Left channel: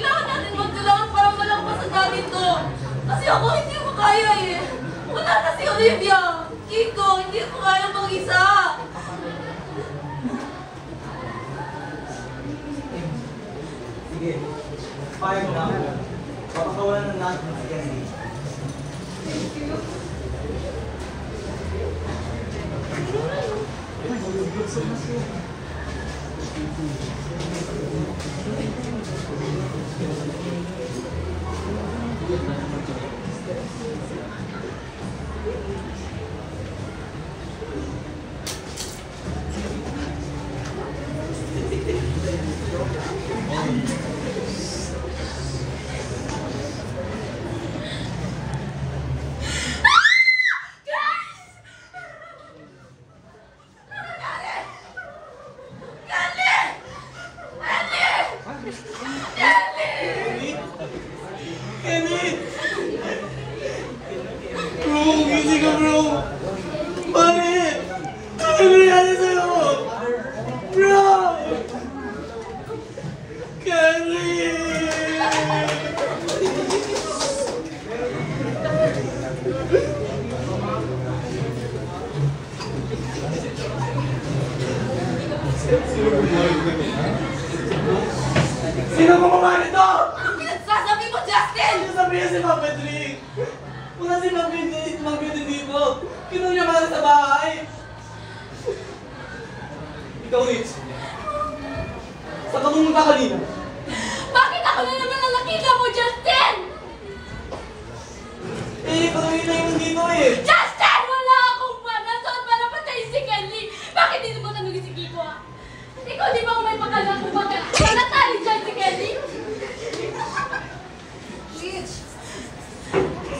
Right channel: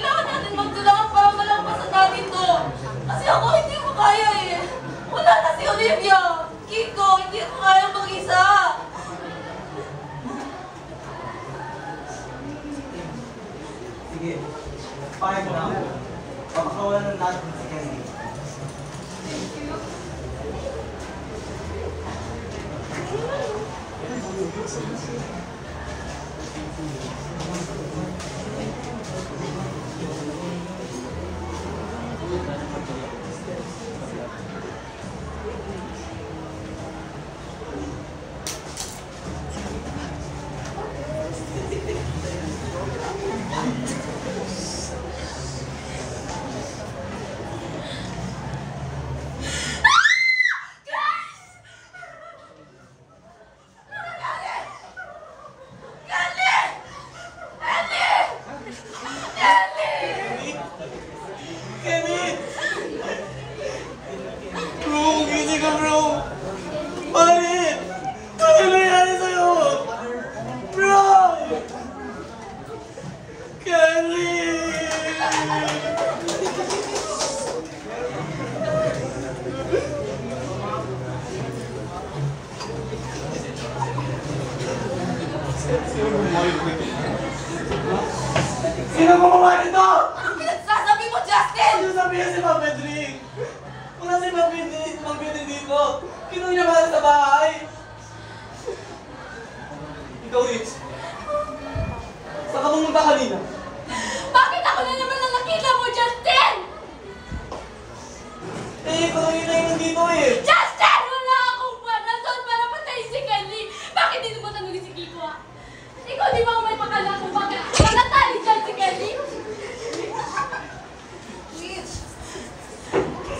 Kailangan natin magtulungan para malampasan natin to. Kasi ako hindi ko kaya eh. Wala na si Olivia. Kiko, hindi ko kaya mag-isa. Sige, payag na ako. Papakawalan ng natin si Candy. Thank you. Sino gumawa nito? Anong pinagsasabi mo, Justin? Ano sabihin si Ma'am Pedrick? Wala si Ma'am Pedrick dito. Kinunyamahan sa bahay. Ikaw, Rich. Saan ka pumunta kanina? Bakit ako na naman ang nakita mo, Justin? Patuloy na yung dito eh. Justin! Wala akong nandun para patayin si Kelly. Bakit dito mo tanongin si Kiko, ha? Ikaw, di ba may pakala kung bakit natali dyan si Kelly?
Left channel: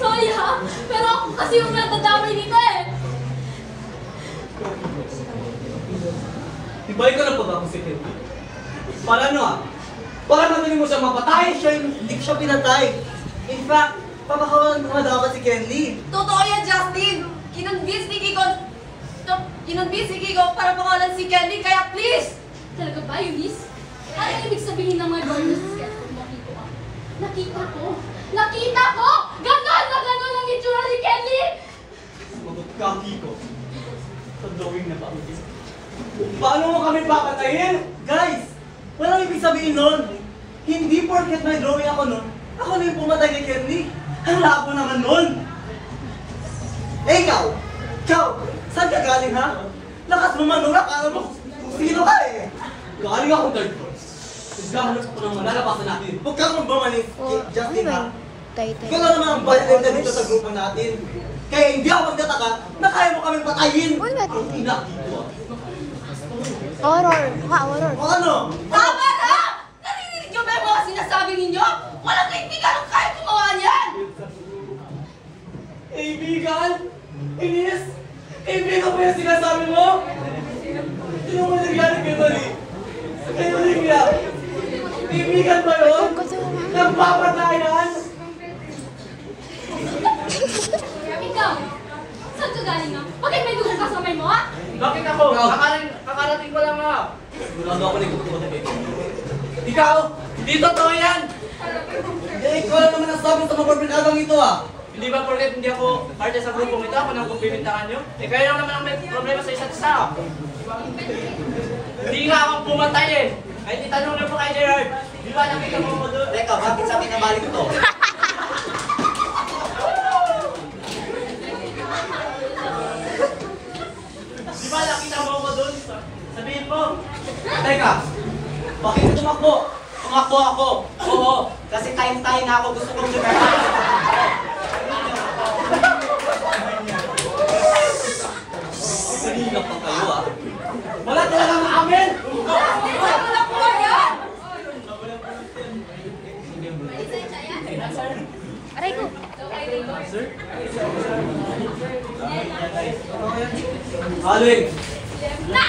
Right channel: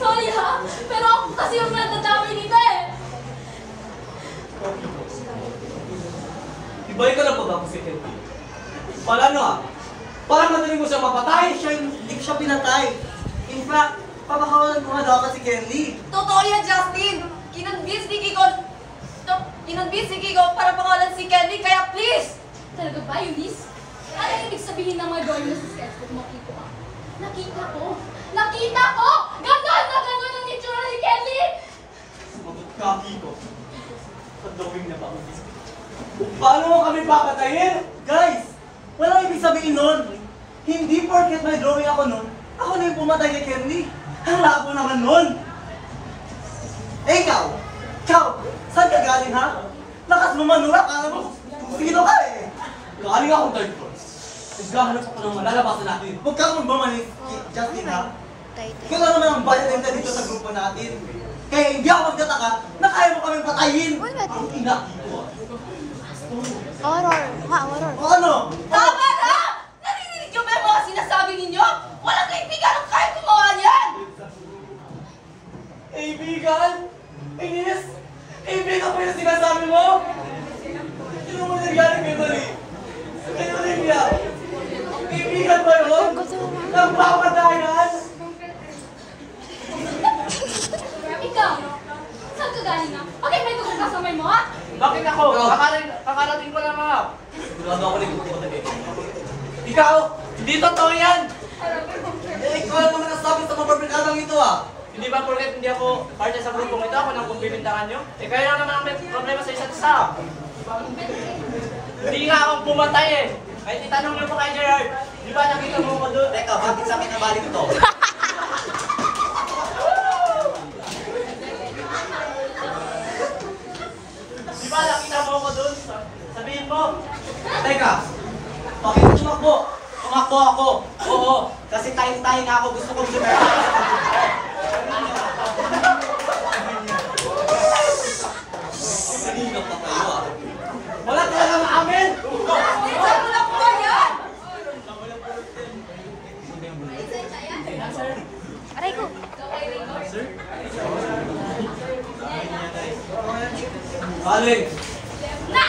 Sorry, ha? Pero ako kasi yung nadadamay nito eh. Ibay ka na pag-ako si Kelly. Para ano ah? Para madaling mo siya mapatay. Hindi ko siya pinatay. In fact, papakawalan ko nga dapat si Kelly. Totoo yan, Justin. Kinonvince ni Kiko para pakawalan si Kelly, kaya please! Talaga ba, Eunice? Ano ibig sabihin ng mga gawin mo sa sketchbook mo, Kiko? Nakita ko! Nakita ko! Ganon na ganon ang itsura ni Kelly! Sumagot ka, Kiko. Sa drawing na pa. Paano mo kami papatayin? Guys, walang ibig sabihin nun. Hindi porket may drawing ako nun, ako na yung pumatay ni Kelly. Ang labo naman nun. Eh, ikaw! Saan ka galing, ha? Lakas mo manura, alam mo kung sino ka eh. Galing akong third floor. Nagkahanap ako ng malalabasan natin. Huwag ka naman bumalik, Justin, ha? Ikaw lang naman ang violent dito sa grupo natin. Kaya hindi ako magtataka na kaya mo kaming patayin. Ang ina dito. Horror. Horror. O ano? Tama na! Narinig niyo ba yung mga sinasabi ninyo? Walang kaibigan ang kaya gumawa niyan! Kaibigan? Inis? Kaibigan mo yung sinasabi mo? Sino mo nagaling kay Mali? Kay Olivia? Kaibigan ba yun? Nagpapatayan? Ikaw, saan ka galing na? Bakit may dugong kasamay mo, ha? Bakit ako? Kakarating ko lang ako. Sigurado ako na ikaw matibig. Ikaw, hindi totoo yan. Ikaw lang naman ang sabi sa mga barbrikadang ito ah. Hindi ba porket hindi ako parte sa grupong ito, ako nang bibintangan nyo? Eh kayo lang naman ang may problema sa isa't isa. Hindi nga akong pumatay eh. Ay, titanong lang po kay Gerard. Di ba nakita mo ko doon? Teka, bakit sa akin nabalik ito? Di ba nakita mo ko doon? Sabihin mo. Teka, bakit ka tumakbo? Tumakbo ako. Oo, kasi tayo-tayo na ako. Gusto kong lumayan. Sinigap pa kayo ah. Wala talagang amin! Justin, saan mo nakuha yan? Aray ko. Aling! Na!